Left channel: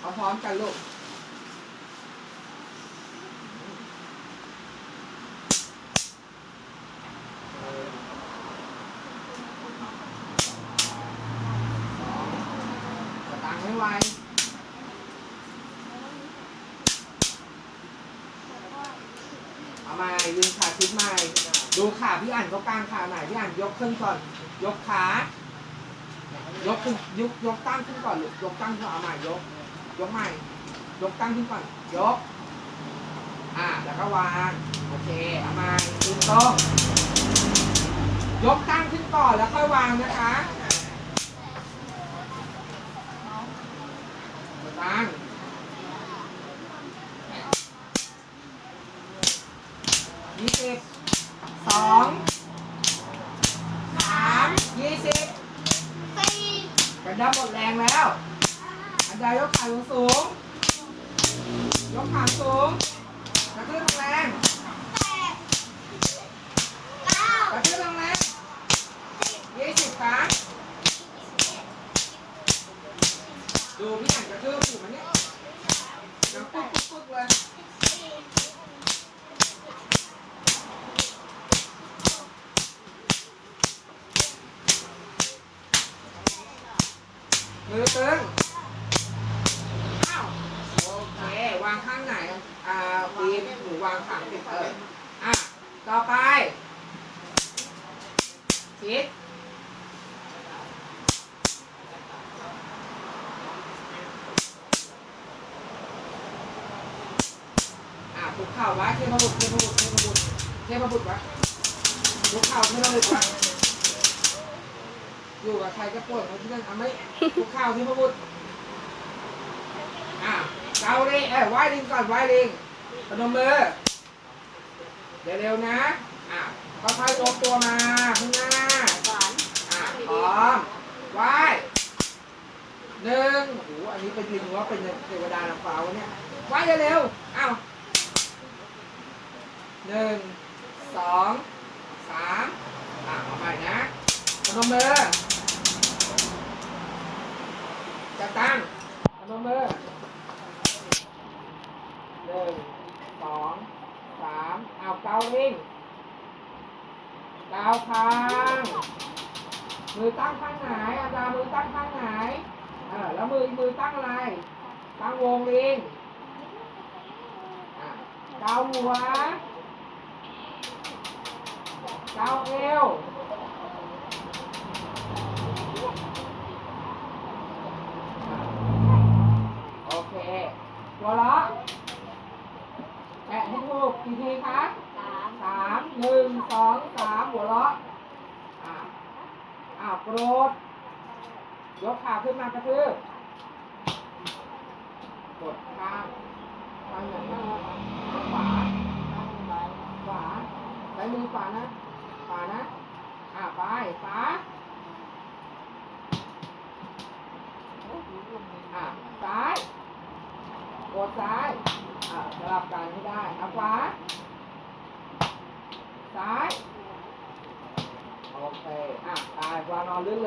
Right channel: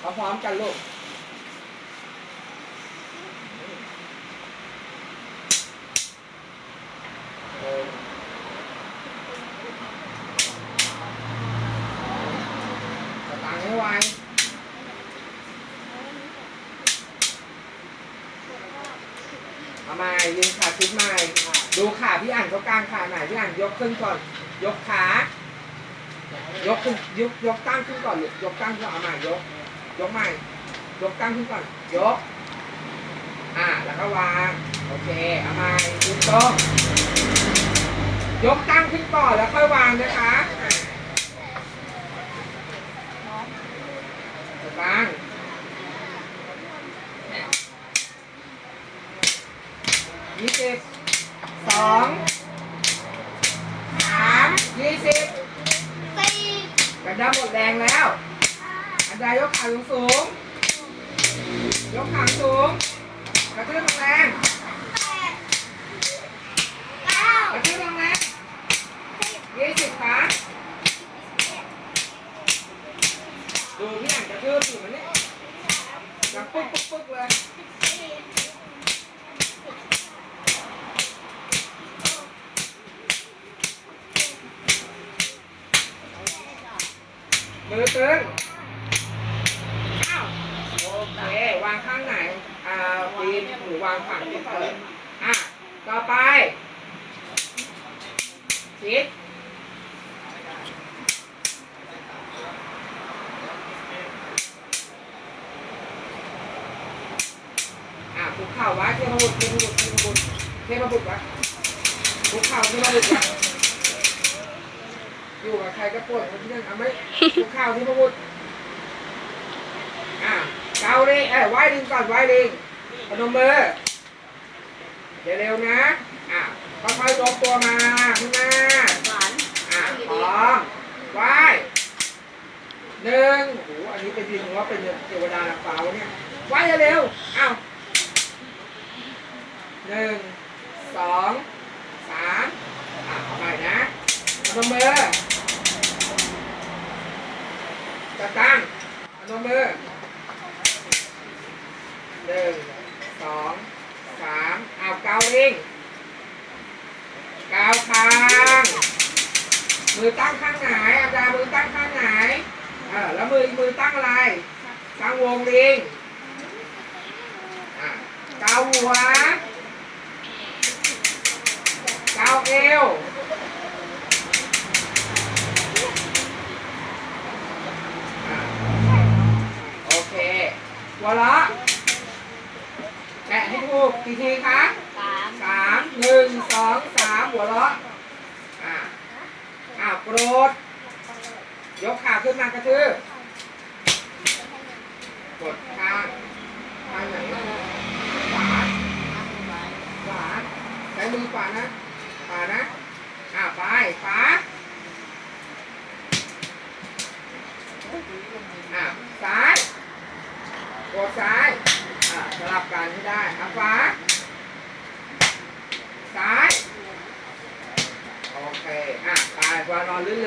เอาพร้อมกันลูกตางให้ไวเอาม่ยืนขาชิดใหม่ดูขาพี่อ่านเขากลางขาไหนพี่อ่านยกขึ้นก่อน ยกขายกขึ้นยกยกตั้งขึ้นก่อนหรือยกตั้งขึ้นเอาใหม่ยก ยกใหม่ ยกตั้งขึ้นก่อน ยก อ่า แล้วก็วาง โอเค เอาใหม่ยืนตรงยกตั้งขึ้นก่อนแล้วค่อยวางนะคะวางยี่สิบสองสามยี่สิบสี่กระดับหมดแรงแล้ว อันใดยกขาสูงสูง ยกขาสูงกระทืบแรงแปดเก้ากระทืบแรงยี่สิบครั้งดูพี่อ่านกระทืบอยู่มันเนี่ยดังปึ๊กปึ๊กปึ๊กเลยมือตึง ข้างไหน อ่าปีนหรือวางฝั่งติดเอออะ ต่อไปชิดอะคุกเข่าไว้เทพบุตรเทพบุตรเทพบุตรเทพบุตรว้คุกเข่าเทพบุตรว้อยู่กับใครก็ปวดเขาที่นั่นเอาไมคุกเข่าเทพบุตรอะ เกาเลยเอ้ยไหว้ลิงก่อนไหว้ลิงพนมมือเดี๋ยวเร็วนะอะค่อยๆยกตัวมาข้างหน้าหวานอะพร้อมไหว้หนึ่งโอ้โหอันนี้เป็นดินว่าเป็นเทวดานางฟ้าวะเนี่ยไหว้เร็วๆอ้าวหนึ่งสองสามอะเอาไปนะพนมมือจะตั้งพนมมือ หนึ่งสองสามอ้าวเกาลิงเกาคางมือตั้งข้างไหนอาจารย์มือตั้งข้างไหนเออแล้วมือมือตั้งอะไรตั้งวงลิงเกาหัวเกาเอวอะโอเค หัวเราะแตะให้ถู กกี่ทีคะสามสามหนึ่งสองสามหัวเราะอ่าอ่าโกรธยกขาขึ้นมากระทืบกดข้างข้างไหนขวาขวาใช้มือขวานะขวานะอ่าไปขวาอ่าซ้ายกดซ้ายอ่าส ลับกันให้ได้อาขวาซ้าย โอเค อะ ไปวางนอนลื่นเลย